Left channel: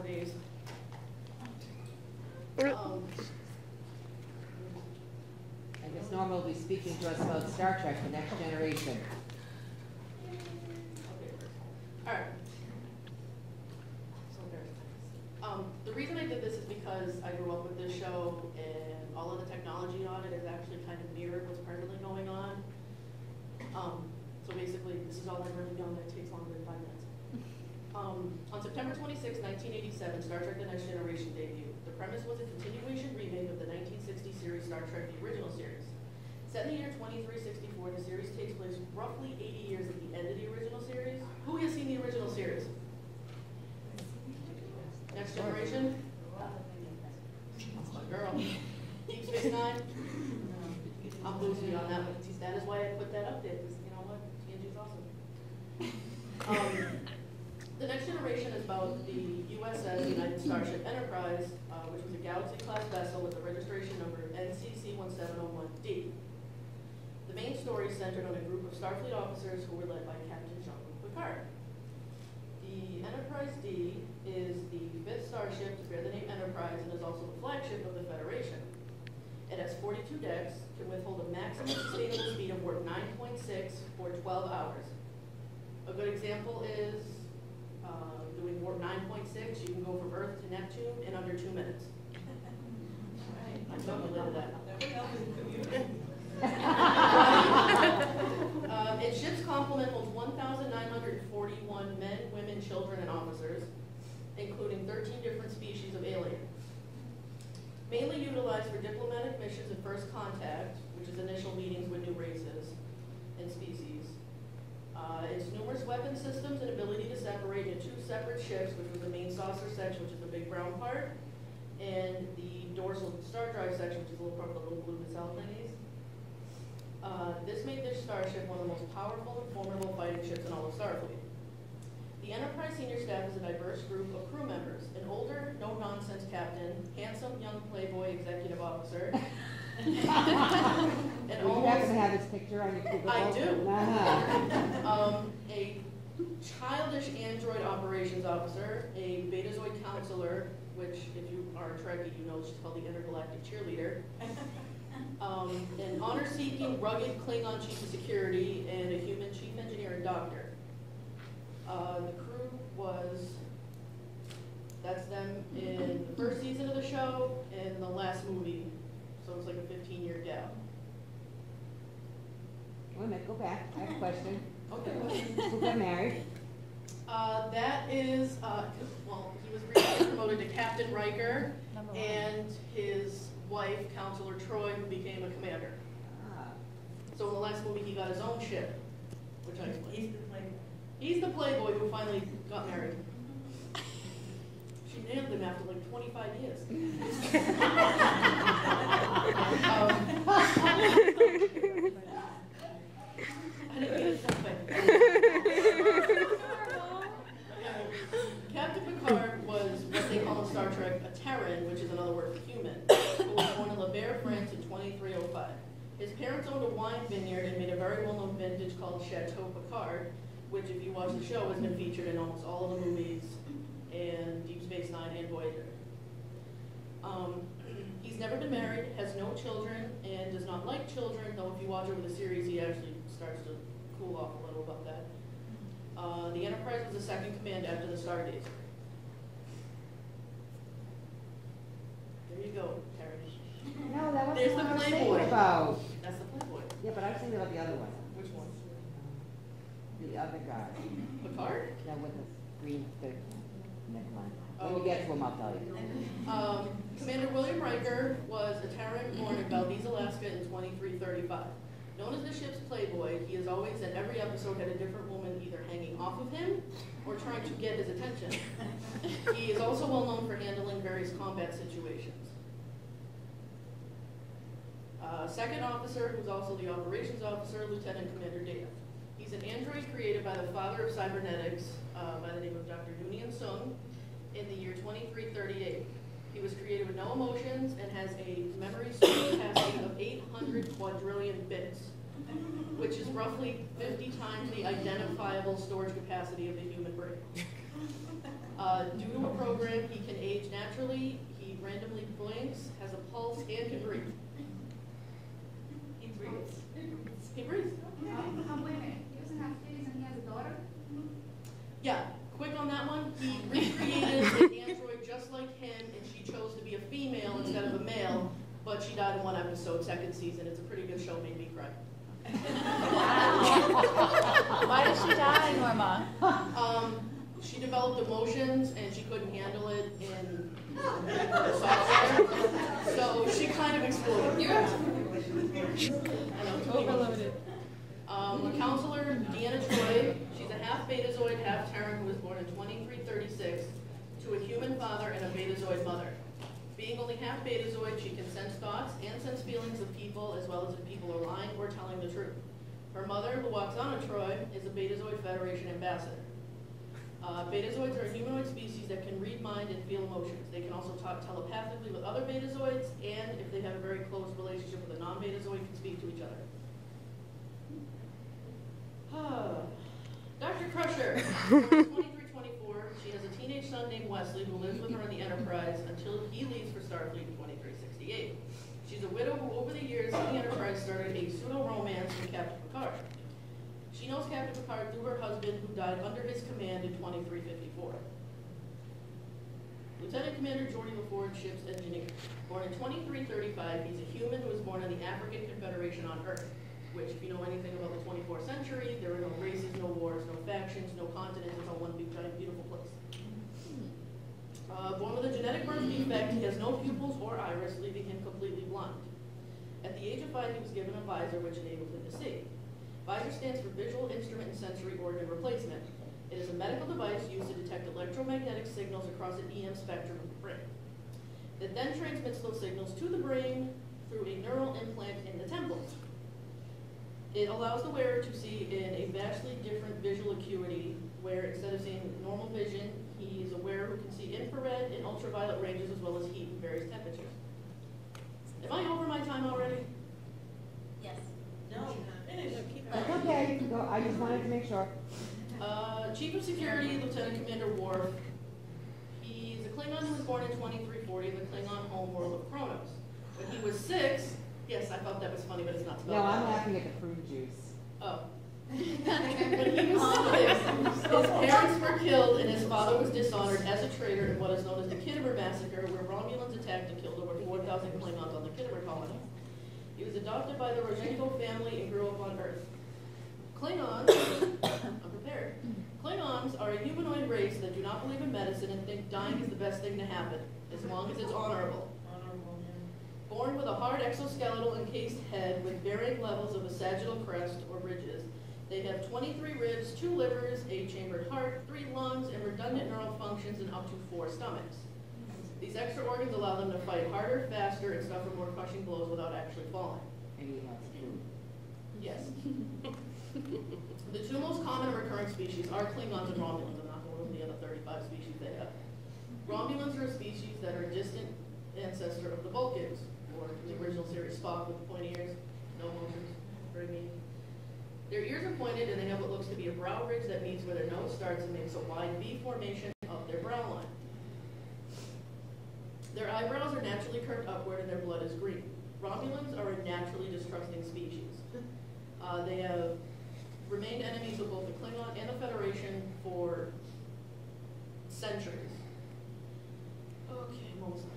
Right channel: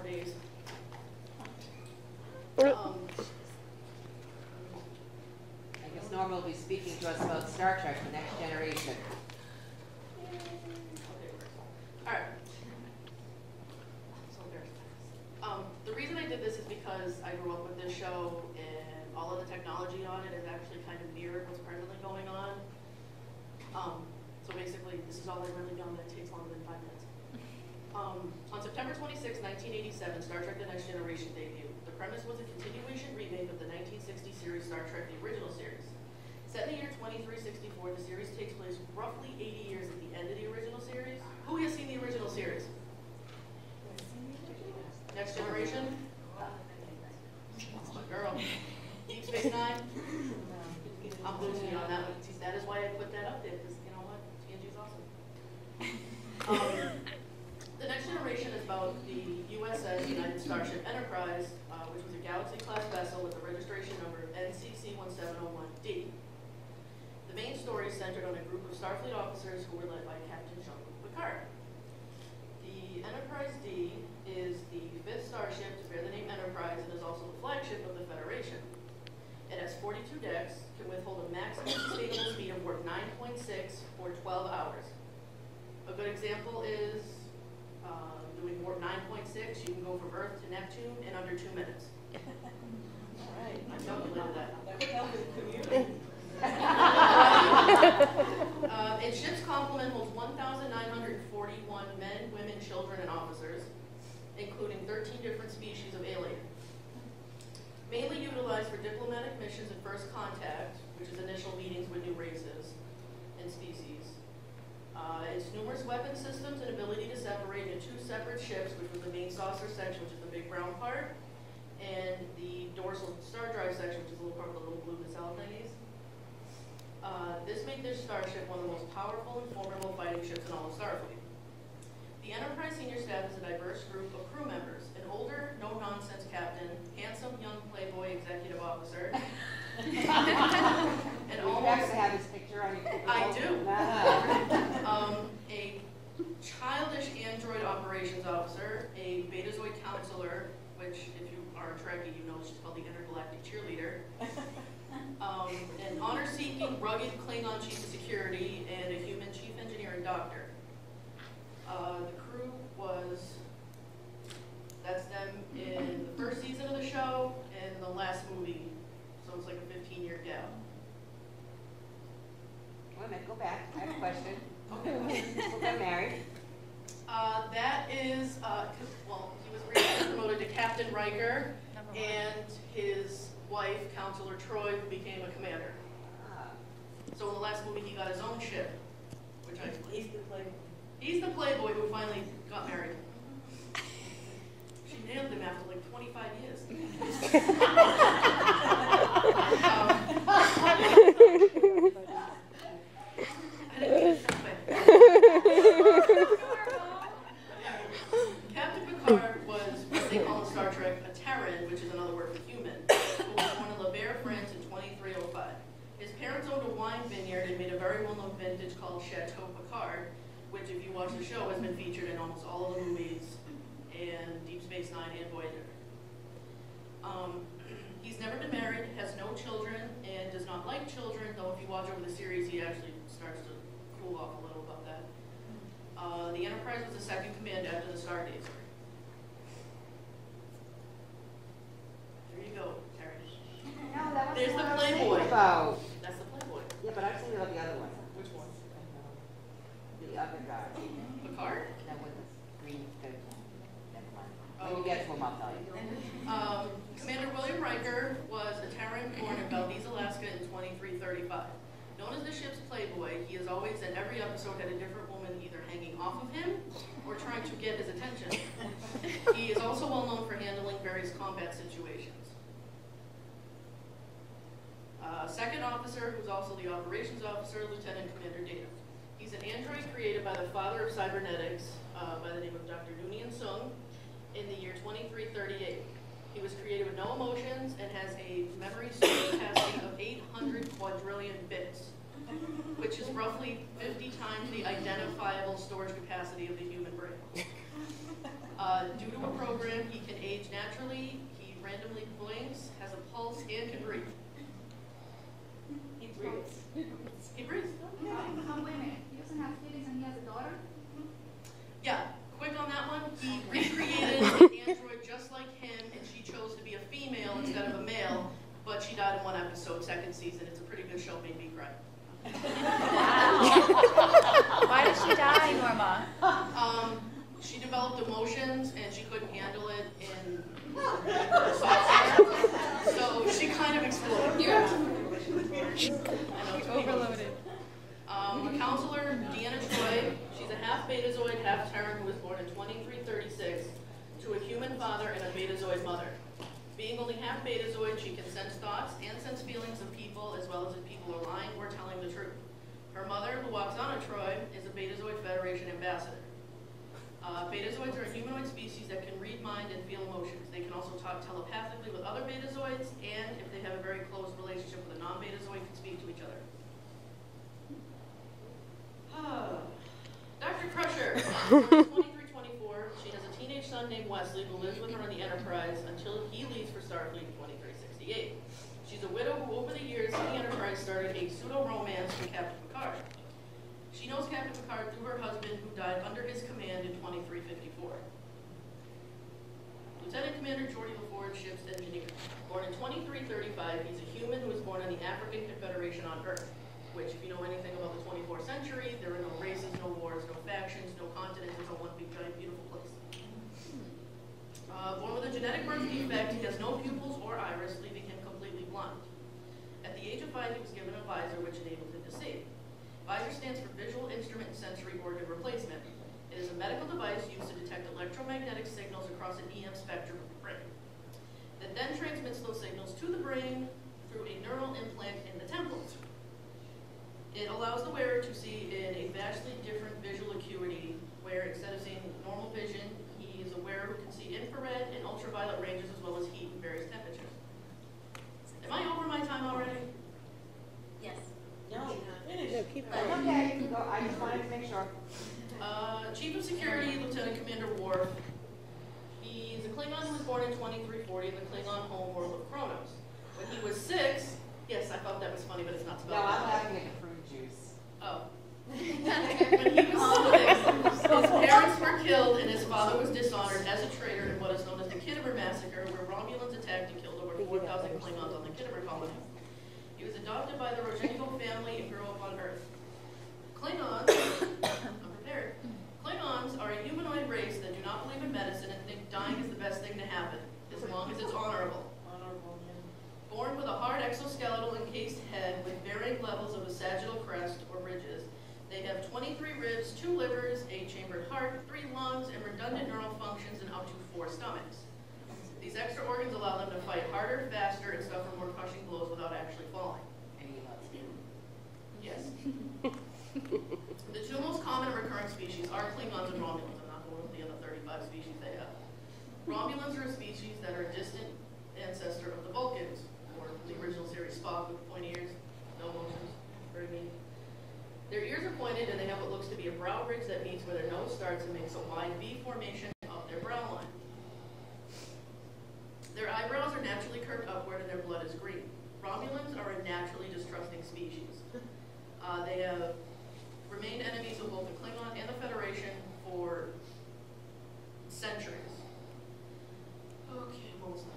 more days. I guess Norma will be speaking to us about Star Trek: The Next Generation. Alright. The reason I did this is because I grew up with this show, and all of the technology on it is actually kind of mirrored what's presently going on. So basically, this is all I've really done, and it takes longer than 5 minutes. On September 26, 1987, Star Trek: The Next Generation debuted. The premise was a continuation remake of the 1960 series Star Trek: The Original Series. Set in the year 2364, the series takes place roughly 80 years at the end of the original series. Who has seen the original series? Next Generation? That's my girl. Deep Space Nine? I'm losing you on that one. That is why I put that up there, because you know what? TNG's awesome. The Next Generation is about the USS United Starship Enterprise, which was a Galaxy-class vessel with the registration number NCC-1701D. The main story centered on a group of Starfleet officers who were led by Captain Jean-Luc Picard. The Enterprise D is the 5th starship to bear the name Enterprise and is also the flagship of the Federation. It has 42 decks, can withhold a maximum sustainable speed of warp 9.6 for 12 hours. A good example is doing warp 9.6. You can go from Earth to Neptune in under 2 minutes. All right, I calculated that. Its ship's complement holds 1,941 men, women, children, and officers, including 13 different species of alien. Mainly utilized for diplomatic missions and first contact, which is initial meetings with new races and species. Its numerous weapon systems and ability to separate into 2 separate ships, which was the main saucer section, which is the big brown part, and the dorsal star drive section, which is a little part of the little blue nacelle thingies. This made this starship one of the most powerful and formidable fighting ships in all of Starfleet. The Enterprise senior staff is a diverse group of crew members: an older, no-nonsense captain, handsome young playboy executive officer, and almost to have his picture on your cubicle? I do. A childish android operations officer, a Betazoid counselor, which if you are a Trekkie, you know she's called the intergalactic cheerleader. An honor-seeking, rugged Klingon chief of security, and a human chief engineer and doctor. The crew that's them in the first season of the show and the last movie, so it's like a 15-year gap. Wait a minute, go back. I have a question. Okay. Who got married? That is, well, he was recently promoted to Captain Riker, and his wife, Counselor Troy, who became a commander. So in the last movie, he got his own ship, which I explained. He's the playboy who finally got married. She nailed him after like 25 years. Captain Picard was what they call in Star Trek a Terran, which is another word for human, who was born in La Berre, France in 2305. His parents owned a wine vineyard and made a very well-known vintage called Chateau Picard, which, if you watch the show, has been featured in almost all of the movies and Deep Space Nine and Voyager. He's never been married, has no children, and does not like children, though if you watch over the series, he actually starts to cool off a little about that. The Enterprise was the second command after the Stargazer. There you go, Terry. No, that was There's the Playboy. About. That's the Playboy. Yeah, but I was thinking about the other one. Which one? The other guy. Picard? That was the green. Never mind. Oh, When you get to him, I'll tell you. Commander William Riker was a Terran born in Valdez, Alaska in 2335. Known as the ship's playboy, he has always, at every episode, had a different woman either hanging off of him or trying to get his attention. He is also well known for handling various combat situations. Second officer, who's also the operations officer, Lieutenant Commander Data. He's an android created by the father of cybernetics, by the name of Dr. Noonien Sung, in the year 2338. He was created with no emotions and has a memory capacity of 800 quadrillion bits. which is roughly 50 times the identifiable storage capacity of the human brain. Due to a program, he can age naturally, he randomly blinks, has a pulse, and can breathe. He breathes. He breathes. Wait a minute. He doesn't have kids and he has a daughter? Yeah, quick on that one. He recreated an android just like him, and she chose to be a female instead of a male, but she died in one episode, second season. It's a pretty good show, made me cry. Why did she die, Norma? She developed emotions, and she couldn't handle it in her software, so she kind of exploded. She overloaded. A counselor, Deanna Troy, she's a half Betazoid, half Terran, who was born in 2336 to a human father and a Betazoid mother. Being only half Betazoid, she can sense thoughts and sense feelings of people, as well as if people are lying or telling the truth. Her mother, Luoxana Troy, is a Betazoid Federation ambassador. Betazoids are a humanoid species that can read mind and feel emotions. They can also talk telepathically with other Betazoids, and if they have a very close relationship with a non-Betazoid, can speak to each other. Dr. Crusher, 2324, she has a teenage son named Wesley who lives with her on the Enterprise until he leaves for Starfleet in 2368. She's a widow who over the years on the Enterprise started a pseudo-romance with Captain Picard. She knows Captain Picard through her husband who died under his command in 2354. Lieutenant Commander Geordi LaForge, ship's engineer. Born in 2335, he's a human who was born in the African Confederation on Earth, which, if you know anything about the 24th century, there were no races, no wars, no factions, no continents. It's all one big, giant, beautiful place. Born with a genetic birth defect, he has no pupils or iris, leaving him completely blind. At the age of 5, he was given a visor, which enabled him to see. VISOR stands for Visual Instrument and Sensory Organ Replacement. It is a medical device used to detect electromagnetic signals across an EM spectrum of the brain. That then transmits those signals to the brain through a neural implant in the temples. It allows the wearer to see in a vastly different visual acuity, where instead of seeing normal vision, he is a wearer who can see infrared and ultraviolet ranges as well as heat and various temperatures. Am I over my time already? Yes. No. Okay, go. I just wanted to make sure. Chief of Security, Lieutenant Commander Worf. He's a Klingon who was born in 2340 in the Klingon homeworld of Kronos. When he was 6, yes, I thought that was funny, but it's not spelled No, I'm that way. laughing at the fruit juice. Oh. When he was 6, his parents were killed and his father was dishonored as a traitor in what is known as the Kittimer Massacre, where Romulans attacked and killed over 4,000 Klingons on the Kittimer colony. He was adopted by the Rozhenko family and grew up on Earth. Klingons, I'm prepared. Klingons are a humanoid race that do not believe in medicine and think dying is the best thing to happen, as long as it's honorable. Born with a hard exoskeletal encased head with varying levels of a sagittal crest or ridges, they have 23 ribs, 2 livers, a chambered heart, 3 lungs, and redundant neural functions and up to 4 stomachs. These extra organs allow them to fight harder, faster, and suffer more crushing blows without actually falling. Yes. The 2 most common and recurring species are Klingons and Romulans. I'm not going over the other 35 species they have. Romulans are a species that are a distant ancestor of the Vulcans, or the original series Spock with pointy ears, no emotions, very neat. Their ears are pointed and they have what looks to be a brow ridge that meets where their nose starts and makes a wide V formation of their brow line. Their eyebrows are naturally curved upward and their blood is green. Romulans are a naturally distrusting species. They have remained enemies of both the Klingon and the Federation for centuries. Okay, what was that?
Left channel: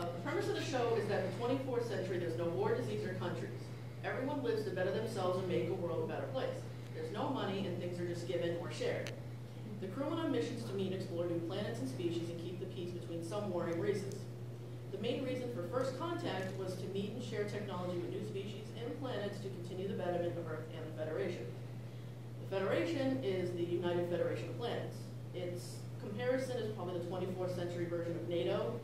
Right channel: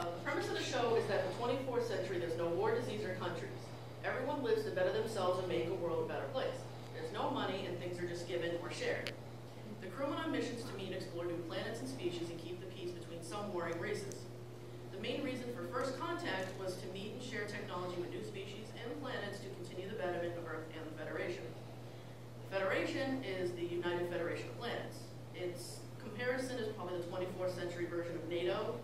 The premise of the show is that in the 24th century there's no war, disease, or countries. Everyone lives to better themselves and make a world a better place. There's no money and things are just given or shared. The crew went on missions to meet and explore new planets and species and keep the peace between some warring races. The main reason for first contact was to meet and share technology with new species and planets to continue the betterment of Earth and the Federation. The Federation is the United Federation of Planets. Its comparison is probably the 24th century version of NATO.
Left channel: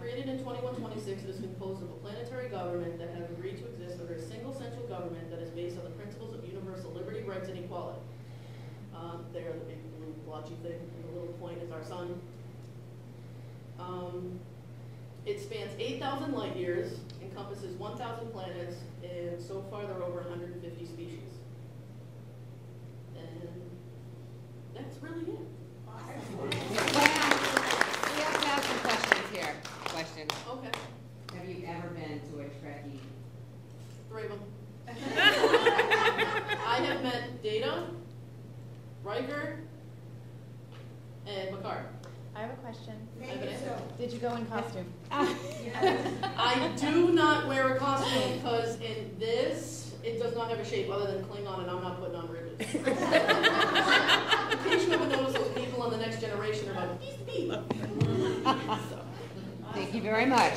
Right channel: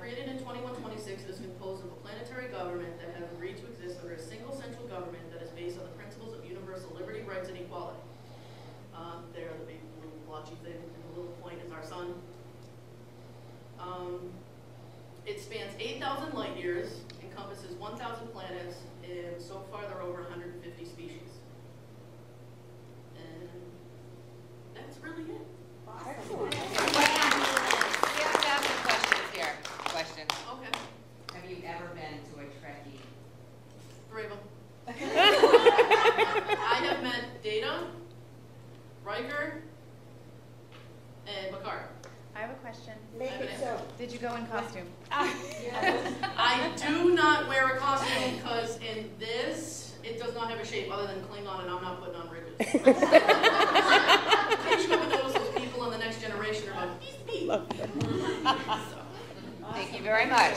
Created in 2126, it is composed of a planetary government that has agreed to exist under a single central government that is based on the principles of universal liberty, rights, and equality. There, the big blue blotchy thing, and the little point is our sun. It spans 8,000 light years, encompasses 1,000 planets, and so far there are over 150 species. And that's really it. We have to ask some questions here. Questions. Okay, Have you ever been to a Trekkie? 3 of them. I have met Data, Riker, and Picard. I have a question. I have an answer. Did you go in costume? I do not wear a costume because in this, it does not have a shape other than Klingon, and I'm not putting on ribbons. In case you ever notice those people in the next generation are like, Thank you very much.